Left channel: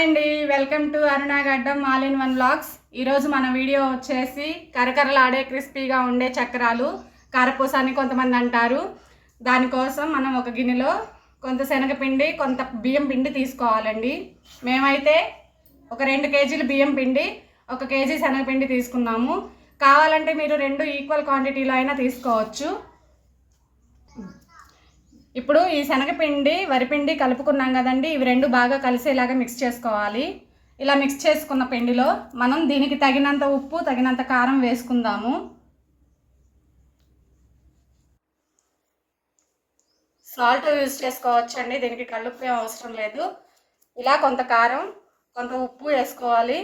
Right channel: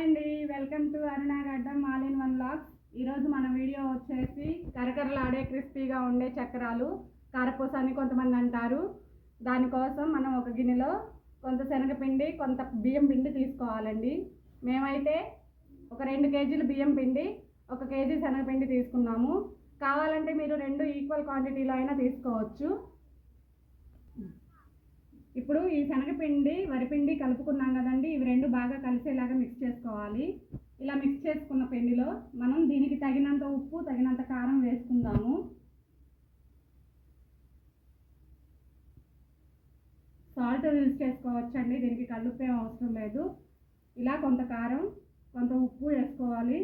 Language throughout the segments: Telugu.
హాయ్ అండి. Welcome to Aruna Gaddam all in one blogs ఈరోజు మన వీడియో వచ్చేసి కరకరలాడే క్రిస్పీగా ఉండే చక్రాలు కారపూస అని కొంతమంది అంటారు. దానికోసం మనం ఒక గిన్నెలో కొంత శనగపిండి కొంత బియ్యం పిండి తీసుకోవాలండి. మేమైతే ఒక రెండు కేజీలు బియ్యం పిండి ఒక కేజీ శనగపిండి తీసుకున్నాము. కావాలంటే మీరు రెండు ఈక్వల్ క్వాంటిటీలో అయినా తీసుకోవచ్చు. ఇప్పుడు ఈ శనగపిండి వరిపిండి కలుపుకున్నాం కదండి. ఇవి రెండు బాగా కలిసేలాగా మిక్స్ చేసుకోవాలి. ఇలా మిక్స్ చేసుకున్న పిండిలో మనం దీనికి తగినంత ఉప్పు తగినంత కారం వేసుకుందాము. సాల్ట్ యూజ్ చేసుకోవచ్చండి. దీనికి కలుపు ఏం అవసరం లేదు. ఇలా కొంత కారం కొంత ఉప్పు వేసుకోవాలి.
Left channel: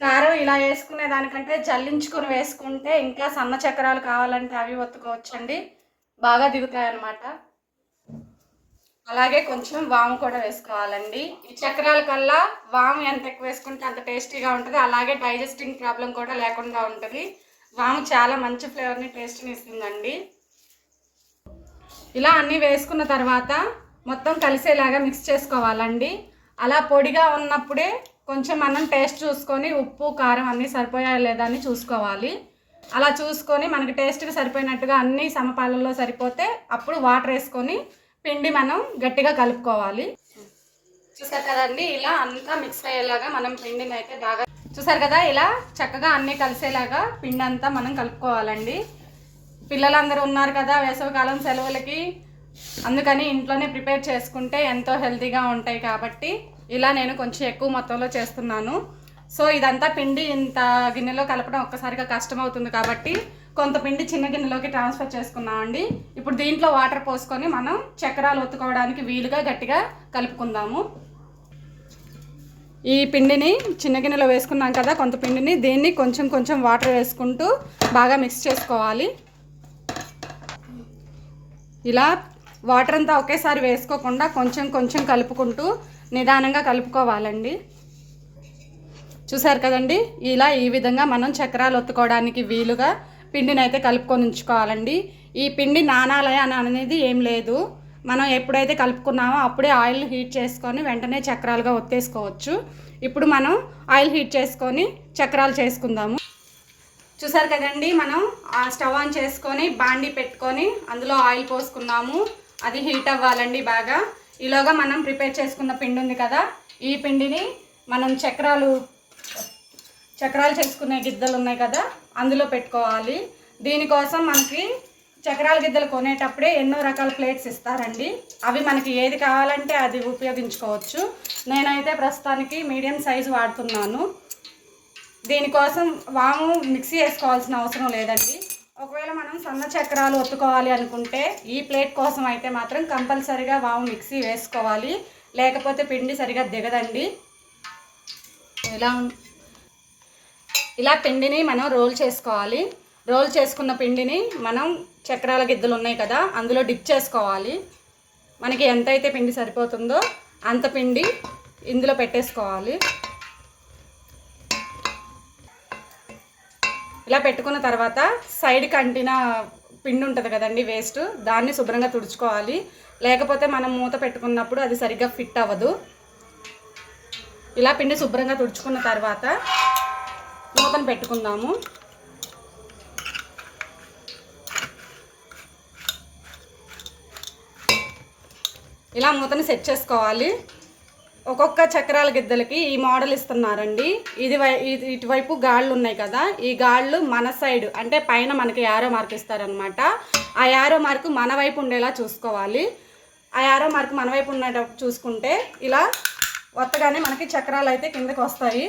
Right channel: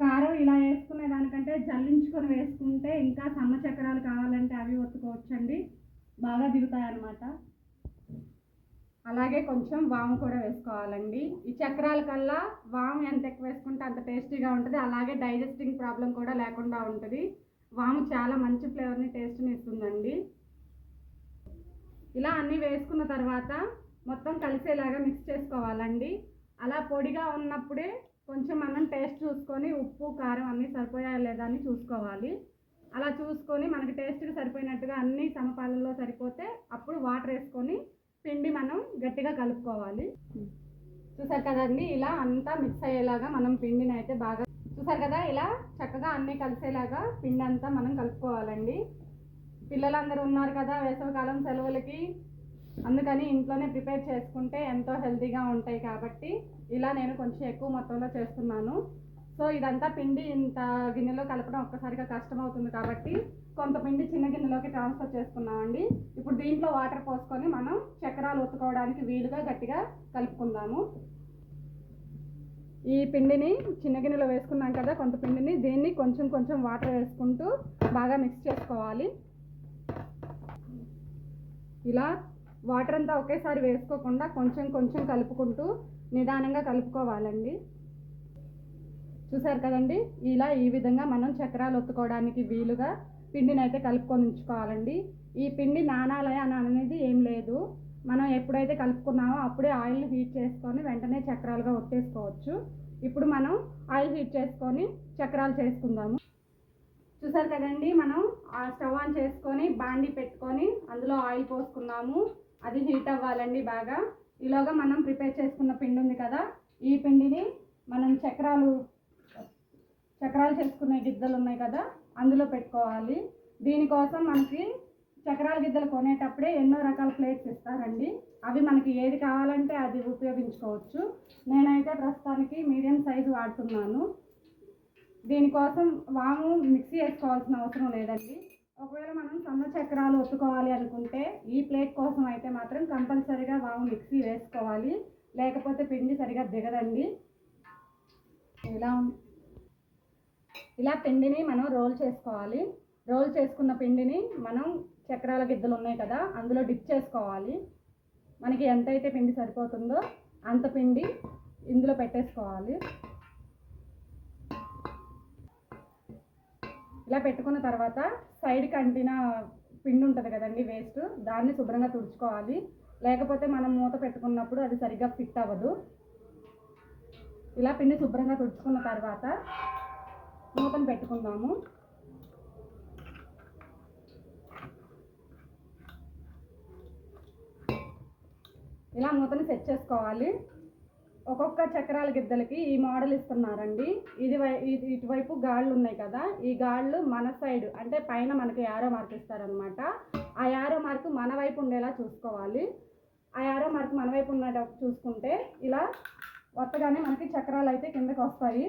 కారం ఇలా వేసుకునే దానికంటే జల్లించుకొని వేసుకుంటే ఇంకా సన్న చక్రాలు కావాలంటే అవి ఒత్తుకోవచ్చండి. బాగా దిగుతాయి అన్నమాట అలాగే కొంచెం వాము కూడా వేసుకోవాలండి. ఈ చక్రాల కల్లా వాము ఎంత ఎక్కువ వేసుకుంటే అంత టేస్టీగా ఉంటుంది. అలాగే డైజెస్టింగ్ ప్రాబ్లం కూడా లేకుండా ఉంటుంది. వాము చాలా మంచి ఫ్లేవర్ని టేస్ట్ని ఇస్తుందండి. ఇలా అన్నీ వేసుకున్న తర్వాత మొత్తం కలిసేలాగా మిక్స్ చేసుకోవాలండి. అలా పొడిగా ఉన్నప్పుడే కొంచెం మనం టేస్ట్ చూసుకొని ఉప్పు కారం అన్నీ సరిపోయా లేదా అని చూసుకోవాలి. అలా చూసుకొని మనకి టేస్ట్కి సరిపోయినట్టుగా అన్నీ సమపాలలో సరిపోతే అప్పుడు వాటర్ వేసుకొని పిండి మనం గట్టిగా కలుపుకోవాలి. చూసారు కదండి ఇలా అంతా మిక్స్ అయ్యేలాగా మనం పిండిని అయితే బాగా చూసారు కదా ఇలా చక్కగా అన్నీ కలిసేలాగా పిండి అంతా మనం కలుపుకోవాలండి. పిల్లలందరూ ఉన్నారు కదా వేసవికాలం సెలవులకి. అందుకని ఇంట్లోనే ప్రిపేర్ చేసుకుంటే ఎంతో హెల్తీగా ఉంటాయి కాబట్టి ఇలా నేను కొంచెం ఎక్కువ మొత్తంలో చేస్తున్నాను. సో ఇదంతా పిండి ఇంత గిన్నెలో కలపడం ఒక్కసారిగా కష్టం అవుతుంది కాబట్టి కొంత పిండి చిన్న గిన్నెలోకి ట్రాన్స్ఫర్ చేసుకున్నామండి ఇప్పుడు దీంట్లో వాటర్ పోసుకొని మనం చక్రాలు ఒత్తుకోవడానికి వీలుగా గట్టిగా కలుపుకుందాము. ఈ పిండిని చిన్న గిన్నెలో వేసుకున్నాం కదా కొంత పిండిని దీన్ని కొంచెం కొంచెం వాటర్ వేసుకుంటూ బాగా మిక్స్ చేసుకోవాలి. ఇలా వాటర్ అంతా ఒకేసారి వేసుకోకుండా కొంచెం కొంచెం కలుపుకుంటూ నిదానంగా కలుపుకోవాలండి. చూసారు కదండి? ఇలా ఈ విధంగా మనం చక్రాలు ఒత్తుకోవడానికి వీలుగా పిండిని అయితే కలుపుకొని ఉంచుకోవాలండి. ఈ పిండి నానాలయ అని అనేది ఏం లేదు. మనం ఎప్పుడైతే కలుపుకున్నామో అప్పుడే ఆయిల్ హీట్ చేసుకొని వెంటనే చక్రాలుగా ఒత్తేసుకోవచ్చు. ఇప్పుడు మనం ఆయిల్ హీట్ చేసుకొని చక్రాలు చేసుకుందాము. చూసారు కదండి? మనం ఆ స్టవ్ ఆన్ చేసుకొని బాండి పెట్టుకొని అందులో ఆయిల్ పోసుకున్నాము. అది హీట్ అవ్వాలండి బాగా. ఈలోగా మనం ప్రిపేర్ చేసుకున్న పిండి ఉంది కదా? ఈ పిండిని మనం చక్రాలు చక్రాలు చేసుకునే గిద్దలు ఉన్నాయి కదా అందులో పెట్టుకోవాలి. దీనికోసం మనకి చక్రాల గిద్దలు కొనేటప్పుడే ఎన్నో రకాల ప్లేట్స్ ఇస్తారండి. అవి మనకి ఏది కావాలంటే అది ఉపయోగించుకోవచ్చు. నేనైతే ప్రస్తుతానికి మీడియం సైజు వాడుతున్నాను. దీనికోసం వాము మిక్సీ వేసుకోవాల్సిన అవసరం లేదండి. ఒకవేళ మనం సన్న చక్రాలు ఒత్తుకోవాలి అనుకుంటే ఈ ప్లేట్ కోసం అయితే మాత్రం కంపల్సరిగా వాము మిక్సీ వేసుకోవాలి. లేకపోతే పిండి సరిగా దిగదండి. ఇలా ఇలా పిండిని మనం రోల్ చేసుకోవాలి. రోల్ చేసుకున్న పిండిని మనం చక్రాల గిద్దలు ఉన్నాయి కదా అందులో డిప్ చేసుకోవాలి. మనకి ఎంతైతే పిండి సరిపోతుందో అంత పిండి ఇందులో పెట్టేసుకోవాలి. ఇలా పెట్టుకున్న తర్వాత సైడ్కి అంటిన పిండి ఉంటుంది కదండి వేస్ట్ దాన్ని శుభ్రంగా తుడుచుకోవాలి. లేకపోతే మనం మూత పెట్టుకున్నప్పుడు అది సరిగ్గా ఫిట్ అవ్వదు. ఇలా పిండి శుభ్రంగా తుడుచుకున్న తర్వాత మూతను పెట్టుకుందాము. ఇలా మూతని సెట్ చేసుకోవాలి. ఒక్కొక్క చక్రాల గిద్దలకి ఈ మోడల్ ఇస్తున్నారండి. ఇది వై ఇది ఇటువైపు గాళ్ళు ఉన్నాయి కదా ఈ గాళ్ళు మన సైడ్ అంటే పైన మనకి యారో మార్క్ ఇస్తారనమాట ఆ యారో మార్క్ మన వైపు ఉండేలా చూసుకోవాలి. ఆ యారో మార్క్ మన వైపు ఉండేటప్పుడు చూసుకుంటే ఇలా కొత్తగానే మనకి చక్రాలు అయితే కిందకి వస్తాయి.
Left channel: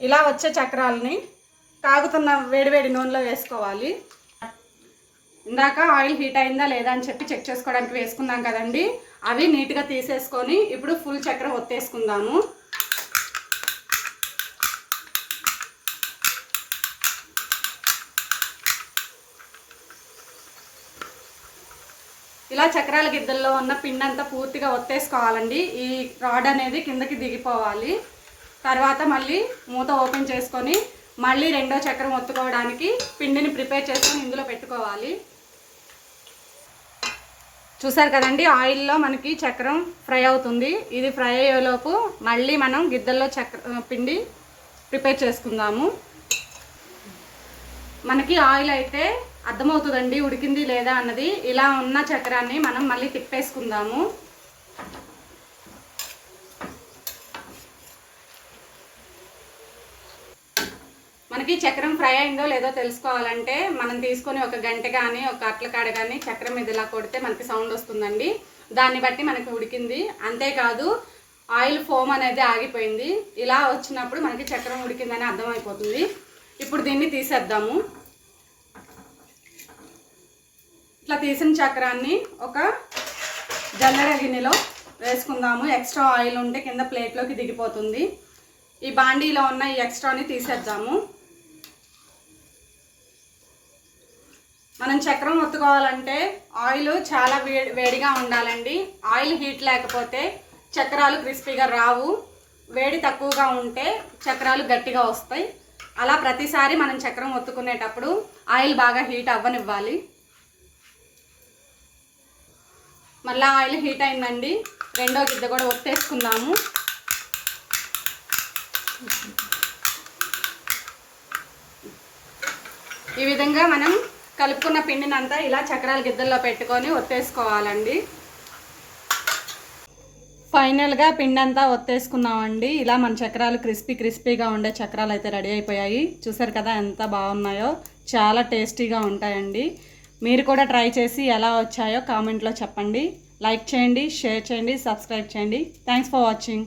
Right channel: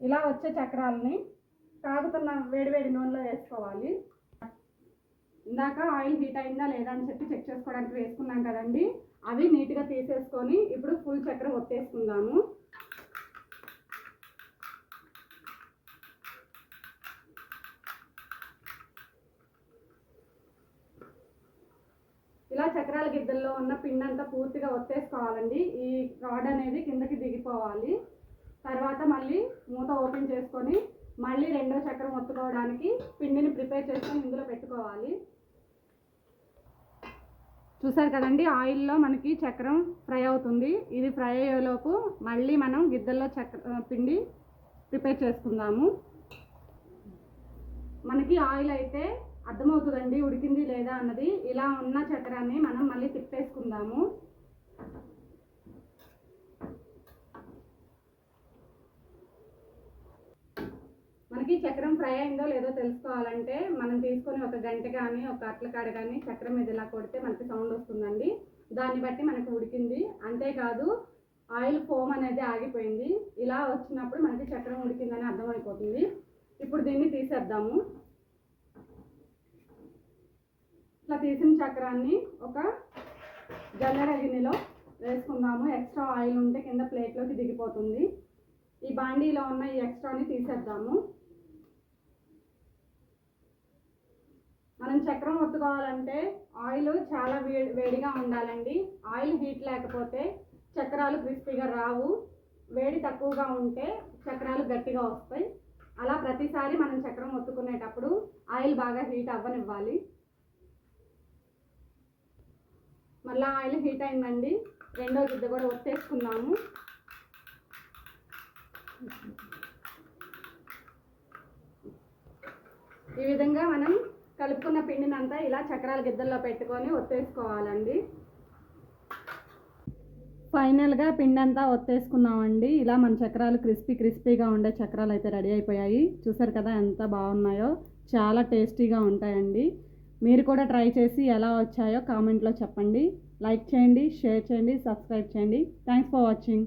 ఇలా వచ్చే చక్రాలని కాగుతున్న వేడివేడి నూనెలో వేసుకోవాలి. ఇందాక ఆయిల్ హీట్ అయిందా లేదా అని చెప్పి చెక్ చేసుకోవడానికి వేసుకున్నాం కదండి. అవి నీట్గా తీసేసుకొని ఇప్పుడు ఫుల్ చక్రం ఒత్తేసుకుందాము. ఇలా చక్రాల గిద్దల్లో ఉన్న పిండి అంతా పూర్తిగా ఒత్తేసుకోవాలండి. ఈ రాడ్ అనేది కిందకి దిగిపోవాలి. తర్వాత మళ్ళీ మూత ఓపెన్ చేసుకొని మళ్ళీ రెండో చక్రం ఒత్తుకోవడానికి పిండిని ప్రిపేర్ చేసుకొని ఇందులో పెట్టుకోవాలి. చూసారు కదండి ఆయిల్లో మనకి చక్రం ఫ్రై అవుతుంది. ఇది ఫ్రై అయ్యేలోపు మళ్ళీ మనం గిద్దల్లో చక్ర పిండి ప్రిపేర్ చేసుకుందాము. మనకి ఆయిల్ అయితే అర్థమవుతుందండి ఉడికింది లేదా అన్నది. ఇలా ఉన్న చక్రాన్ని మనం మళ్ళీ తిప్పేసుకుందాము. మనకి చక్రం ఫ్రై అయిందో లేదో తెలుసుకోవాలంటే మనం తీసుకొని ఒక గంట కానీ ఒక అట్ల కాడ కానీ చక్రం మీద ఇలా కొడితే మనకి సౌండ్ వస్తుందండి. దాన్ని బట్టి మనకి ఉడికింది. అంతేకాదు ఆయిల్ ఫోమ్ అనేది ఆగిపోయింది. ఇలా వచ్చినప్పుడు మనకి చక్రం ఉడికిందని అర్థమైపోతుంది. ఇప్పుడు దీన్ని తీసేద్దాము. ఇట్లా తీసిన చక్రాన్ని ఒక జల్లెడ గిన్నెలో వేసుకుందాము. ఎక్స్ట్రా ఆయిల్ ఉంటే కింద ప్లేట్లోకి దిగిపోతుంది. ఈ బాండీలో ఉన్న ఈ ఎక్స్ట్రాని తీసేద్దాము. మనం చక్రం ఒత్తుకోవాలంటే ఆయిల్ చాలా వేడి వేడిగా ఉండాలండి. ఆయిల్ హీట్ లేకపోతే చక్రాలు క్రిస్పీగా రావు. వేడి తక్కువగా ఉంటే చక్రాలు గట్టిగా వస్తాయి. అలా ప్రతిసారి మనం చక్రం ఒత్తుకునేటప్పుడు ఆయిల్ బాగా హీట్ అవ్వనివ్వాలి. మళ్ళీ ఆయిల్ హీట్ అయిందండి. రెండో గిద్ద కూడా ఒత్తేసుకుందాము. ఈ విధంగా మనం కలుపుకున్న పిండిని అంతా ఇలా చక్రాల గిద్దల్లో పెట్టుకొని ఒత్తేసుకోవాలండి. ఫైనల్గా పిండి అంతా ఒత్తేసుకున్నామండి. ఇలా మన చక్రాలు క్రిస్పీ క్రిస్పీగా ఉండే చక్రాలు అయితే రెడీ అయిపోయాయి. చూసారు కదా ఎంత బాగున్నాయో. చాలా టేస్టీగా ఉంటాయండి. మీరు కూడా ట్రై చేసి ఎలా వచ్చాయో కామెంట్లో చెప్పండి. లైక్ చేయండి షేర్ చేయండి సబ్స్క్రైబ్ చేయండి. Thanks for watching.